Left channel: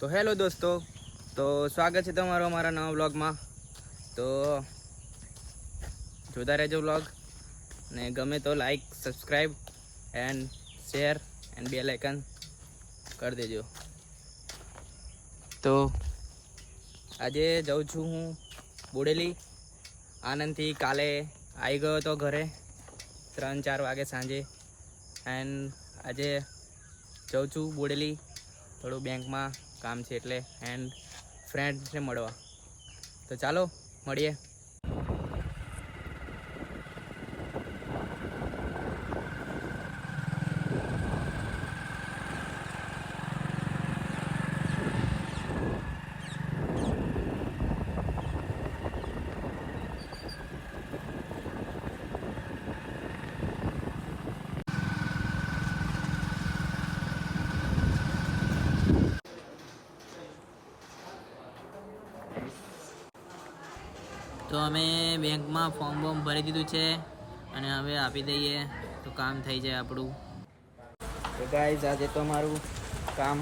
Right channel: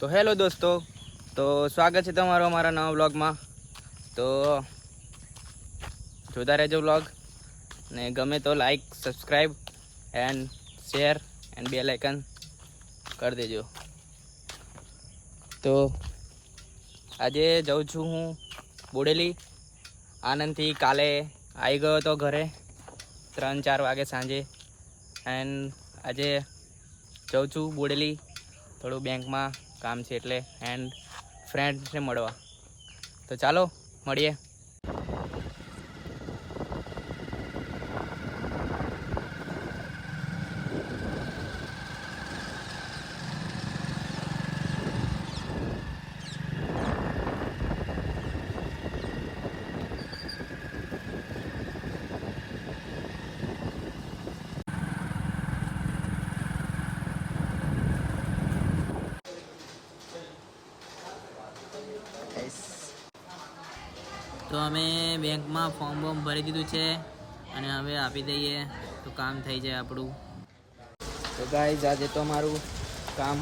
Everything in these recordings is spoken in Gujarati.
તો હેલો દોસ્તો, તો સ્વાગત છે તમારું અમારા નવા વ્લોગમાં. તો જોતા રહેજો વ્લોગ, ને ગમે તો like, subscribe and share and bell icon કરી દેજો. તો આજે જાઉં છું હું બોડેલી. આનંદથી કાલે આવી ગયો હતો ઘરે 3-4 વાગે સાંજે. એન્ડ આજે જાઉં છું બોડેલી, થોડું બેંકમાં કામ છે એટલે, એન્ડ ફ્રેન્ડને મળવા. તો ચાલો મળીએ. તો અમે બેંકમાં ફોર્મ ભરી દીધું છે અને હવે આપી દઈએ તો કામ થઈ જાય આપણું. તો ગાઈઝ આજે તો અમારું કામ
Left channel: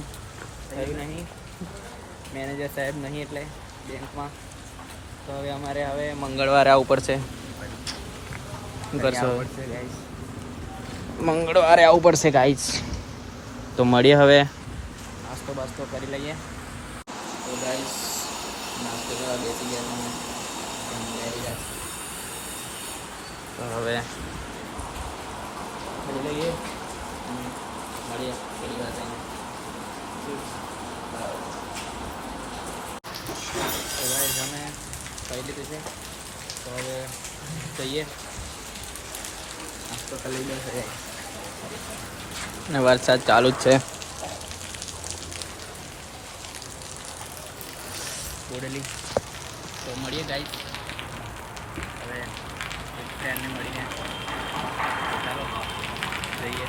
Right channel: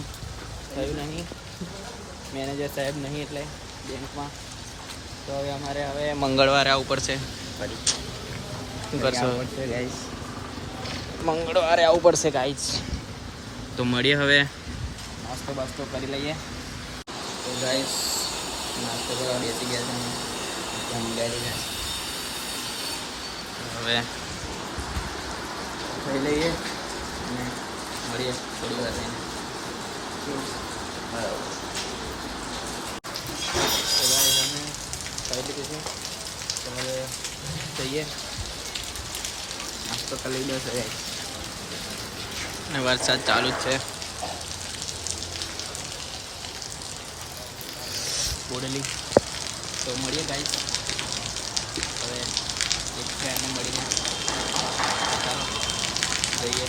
થયું નહીં, મેનેજર સાહેબ નહીં એટલે બેંકમાં. તો હવે અમારે મંગળવારે આવવું પડશે. શું કરશો? મંગળવારે આવવું પડશે ગાઈઝ. તો મળીએ, હવે નાસ્તો બાસ્તો કરી લઈએ. તો ગાઈઝ નાસ્તો કરવા બેસી ગયા છે અમે. તો હવે ખાઈ લઈએ અને મળીએ થોડી વાર રહીને. બરાબર. તો ગાઈઝ અમે ખાઈ લીધું છે, તો હવે જઈએ નાસ્તો કરી લીધો છે અને વરસાદ ચાલુ જ છે બોડેલી. તો મળીએ ગાઈઝ હવે એક ફ્રેન્ડને મળીને. તો ચાલો જઈએ.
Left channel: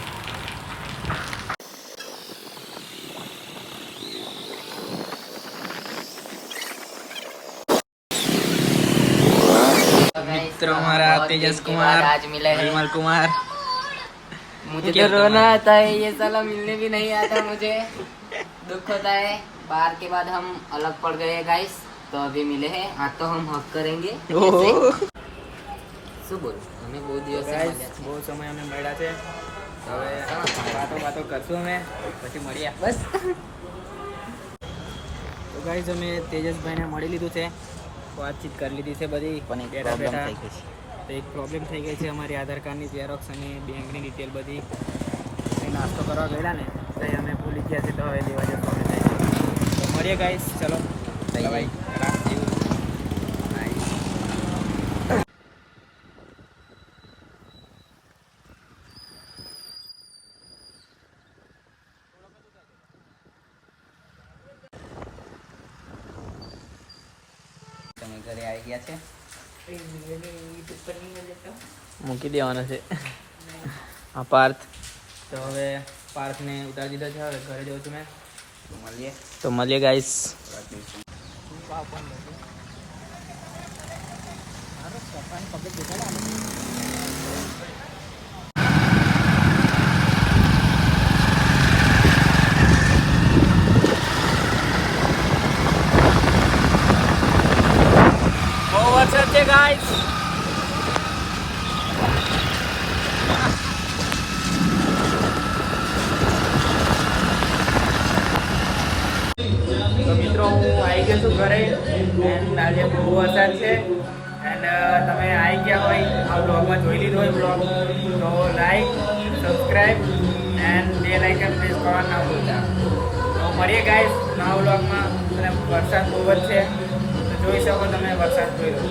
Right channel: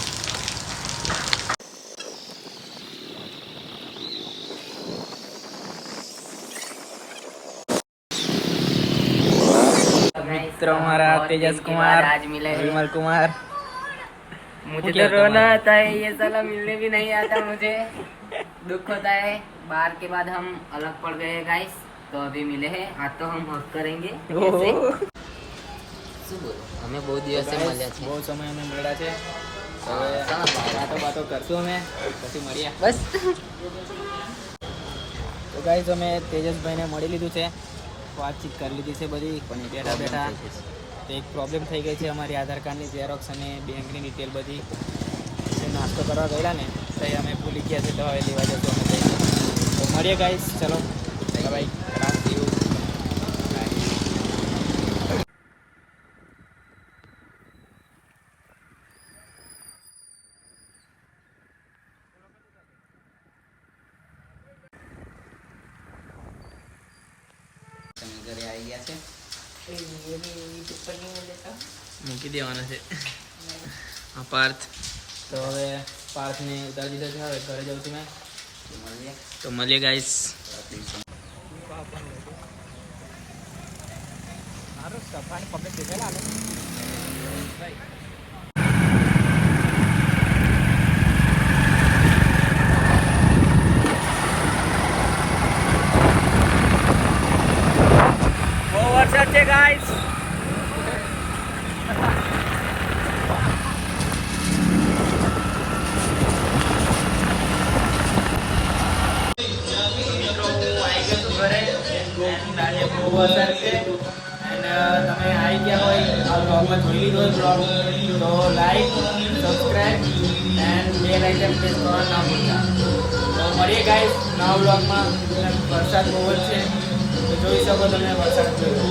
मित्र हमारा तेजस कुमार, विमल कुमार. मुझे तो रोना आता है, ये साला मिलने भी नहीं आता. मुझे दुख होता है. बार के बाद हम अलग पड़ गए गाइस, तो अभी मिले हैं. आज तो हम हक करेंगे. શું બોલ, અમે બહુ દિવસ બહુ સમય અમે મળ્યા છે, તો હવે વાતો કરશું અમે, પછી મળીએ બસ. તો ગાઈઝ અમે તેજસભાઈને મળી લીધું છે, વાતચીત કરી લીધી છે બધી, પણ બેઠા બેઠા તો એક પ્રોબ્લેમ થઈ ગઈ છે. અમારી આધાર કાર્ડની ઝેરોક્સ અને બેંકની ડિટેલ બધી નાસ્તો કરવા ગયેલા ને તો અમે ભૂલી ગયા છે, તો હવે લેવા જતો અમે થઈ ગયું. તો મળીએ ગાઈઝ, ચલો બાય. રાત જેવું મૂકી દેવાનો છે આ પાર્થ. તો હવે પાર્થને ઉતારી દીધો છે, હવે ઘરે જાઉં છું મેં. તો મળીએ ગાઈસ. બહુ વરસાદ છે ગાઈસ. તો મિત્રો હું આવી ગયો છું ઘરે, એન્ડ આજે બહુ વરસાદ છે. એન્ડ તમે આવી ગયા હોય, આ બ્લોગમાં જોઈ લીધો હોય બ્લોગ, તો like, subscribe and bell icon press કરવાનું ના ભૂલતા. તો મળીએ ગાઈસ નવા બ્લોગમાં. અને વરસાદ બહુ જ છે, તો જોઈ શકો તમે વરસાદ જોઈ લો.